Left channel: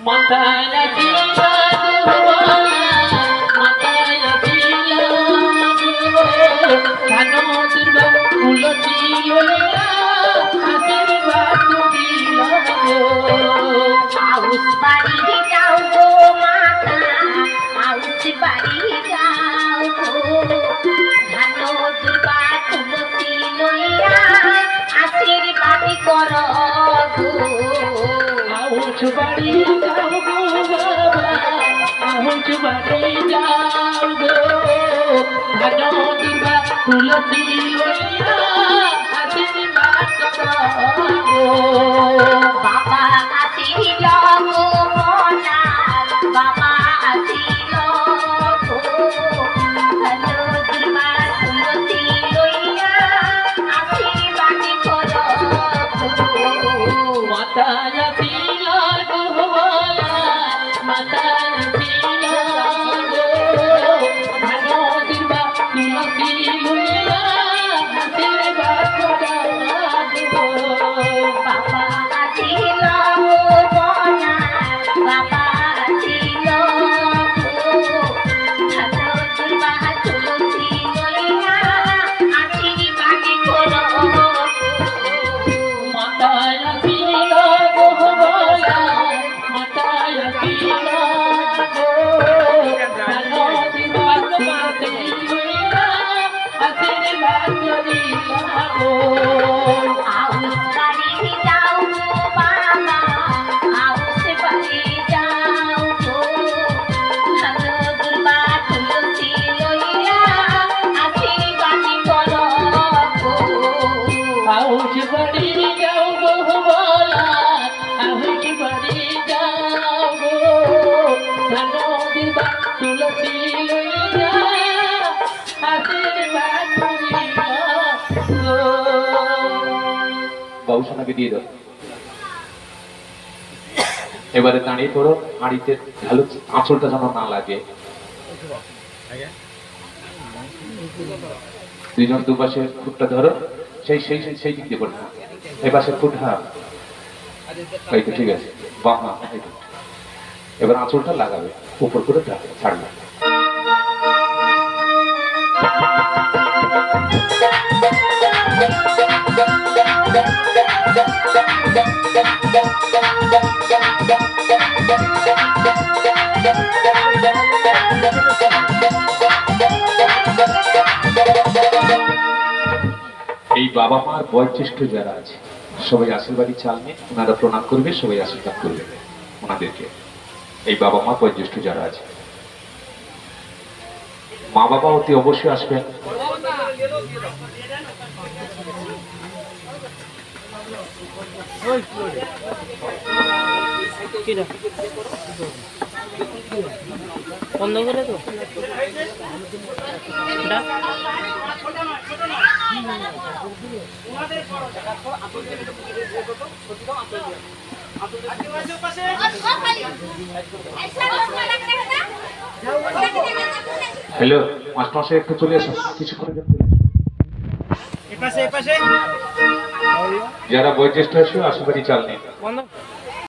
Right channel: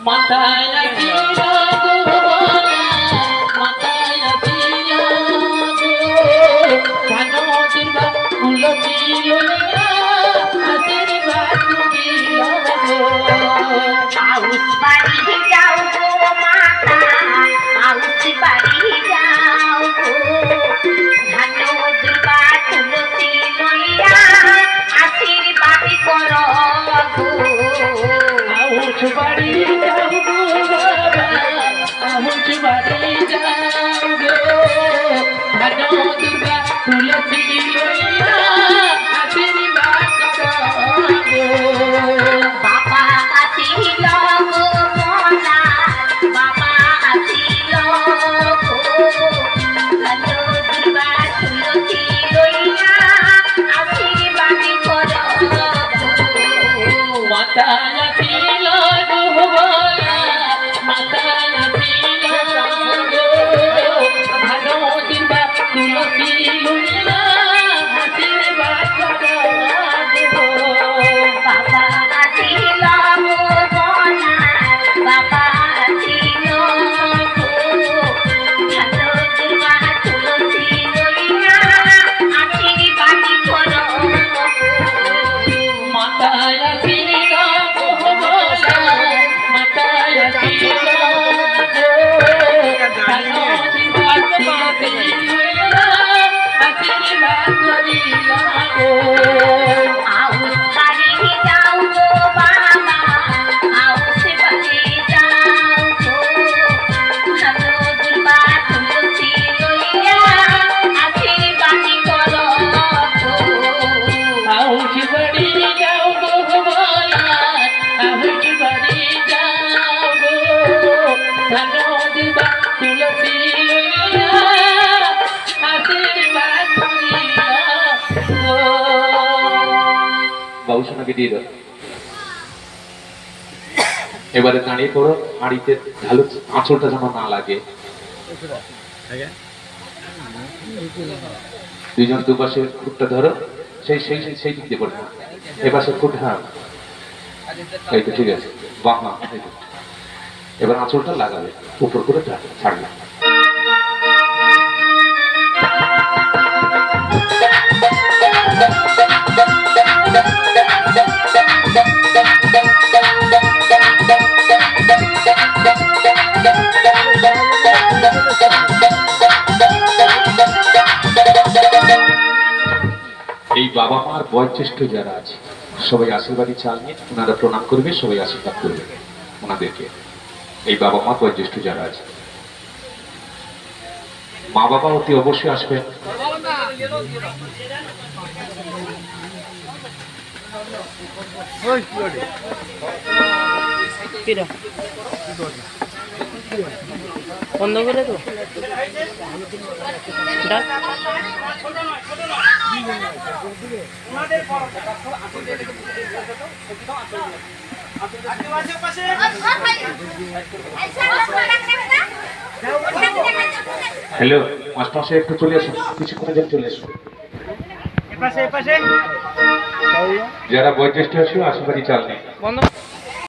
মাথায় রাখি মাথায় রাখি ধানো দুর্গা ফুল ছিল বাড়ি যাও গো বাবা। আহুচ বাড়ি যাও গো ধানো দুর্গা তুলসী লইয়া হাতের বাতু বাবা আসিল গো মনার বাবা আসিল গো ধান দুর্গা তুলসী লইয়া আশীর্বাদ কর গো। Oh বাবুসোনা বিদিয়ে দাও। এবারে দাঁড়িয়ে করো হাঁড়িতে ঢালু, আঁচলটা যেন না লাগে। দুজন দুপাশে ফুটটা ধরো, সেই সেই সেই দিক দিয়ে পড়ে এই পাশে ফুট হ্যাঁ। এই তো ঠিক আছে। বাহ এবার আঁচলটা লাগাবে, উপর করে ছাড়বে। এই বাবা মার বয়োজ্যেষ্ঠ যারা আছে, সবাই আশীর্বাদী চাল নিয়ে ওনারা প্রণাম করবে, সবাই আশীর্বাদ করবে ওনাদেরকে। এই বাবা মা, বয়োজ্যেষ্ঠ যারা আছে। মা বাবা অতি অবশ্যই আসবেন। বন্ধ করে তো হ্যালো মাস্টার একটু চলে আসুন কিছুক্ষণের জন্য চলে আসুন যারা বয়োজ্যেষ্ঠ আছে আশেপাশে চাল নেই।